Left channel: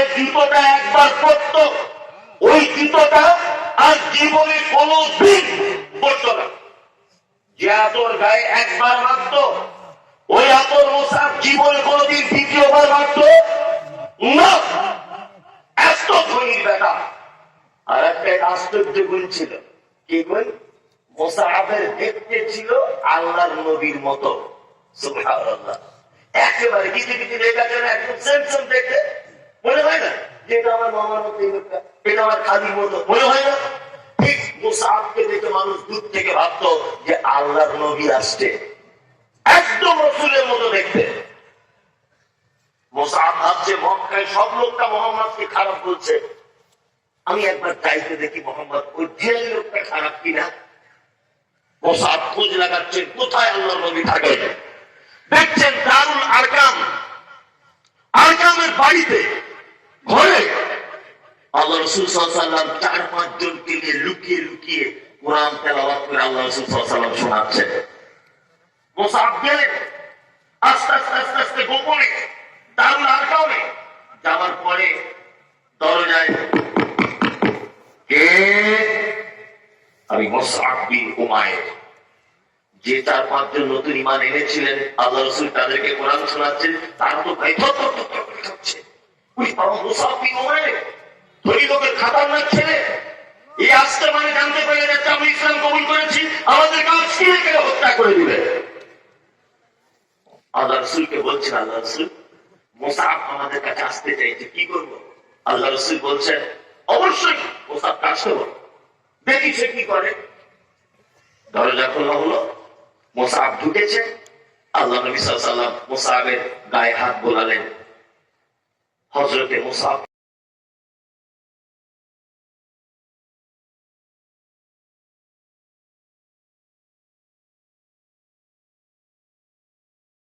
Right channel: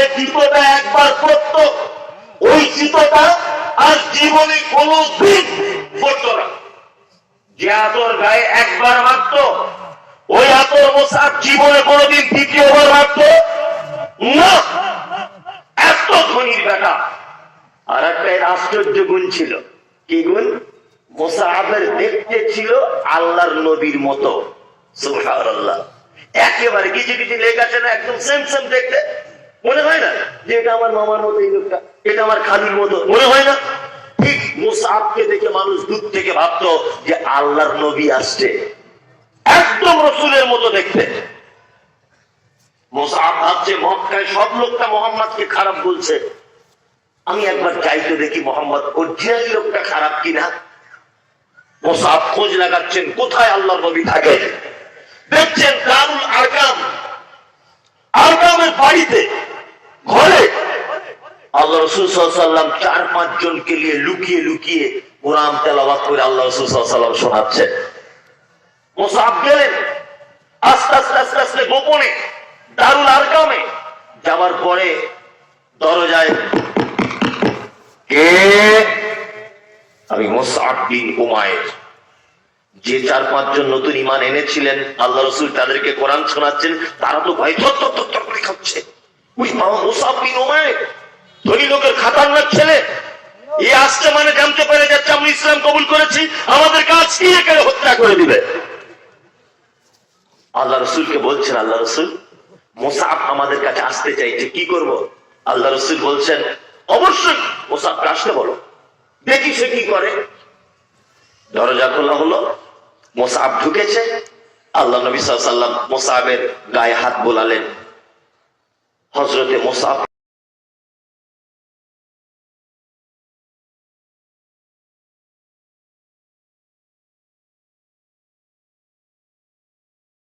যে জুতোটা একবার পরত ওই জুতোটা আর জীবনে কোনো দিন পরত না। যে আতর গায়ে একবার মারত, ওই আতর মোসাদ জীবনে কোনোদিন দ্বিতীয়বার মারত, না! এত ধনির বেটা। আর একটা আশ্চর্য গুণ ছিল। কি গুণ? মোসাহাবের দেখতে ছিল আল্লাহর নবীর মতো। সুবহানাল্লাহ। একেবারে কিছু কিছু লেখ আছে না, একদম সেম সেম দেখতে। মনে হয় না? যে এটা আমার মামার মতো এই লোকটা, এটা আমার খালির মতো, মনে হয় না? ঠিক মুসাহাবকে দেখে মানুষ দূর থেকে যে আল্লাহর নবী আসছে। একদম রসুলের মতো দেখতে। মোসাহাব ভাবছে, মক্কায় সব লোকটা মোহাম্মদকে খারাপ বলছে। আমি একবার চাইতে দেখি মোহাম্মদ অরিজিনাল লোকটা খারাপ কিনা? মোসাহাব খোঁজ লাগাচ্ছেন, কোথায় আল্লাহ নবী থাকে? আল্লাহ রসুল সাল্লাম চার পাঁচ জনকে নিয়ে লুকিয়ে লুকিয়ে কোরআন তেলাওয়াত করে আল্লাহ রসুল সাল্লাম শোনাচ্ছেন মোসাহাব গেলেন, আস্তে আস্তে আস্তে আস্তে গোপনে যাওয়ার পরে দরজায় কে? আমি মোসাহাব বিন উমায়ের যে চার পাঁচজন নতুন ইমান এনেছিলেন, আল্লাহ রসুল তাদেরকে কোরআন শোনাচ্ছেন, তারা তো ভাই থর থর করে খাচ্ছে। ওই মোসাহাব বিন উমায়ের খাতারনাক ছেলে এই আসতে মানে জানতে পেরে যাচ্ছে আমি ইসলাম কবুল করেছি, আমাদের কাজ কি এখানে হত্যা করে দিবে? আল্লাহ রসুলকে বলছেন, আল্লাহ রসুল মোসাফ আমাদের কাছে আসতে চাইছে, কি করব? আল্লাহ রসুল বলছেন, অবশ্যই মোসাফকে আসতে বলো। দেখি সে কি করে। দরজা খোলা হলো মোসাফ ঢুকেছে, আল্লাহ নবী সাল্লাম মোসাহের গায়ে হাত বোলালেন। হজরতে মোসাফ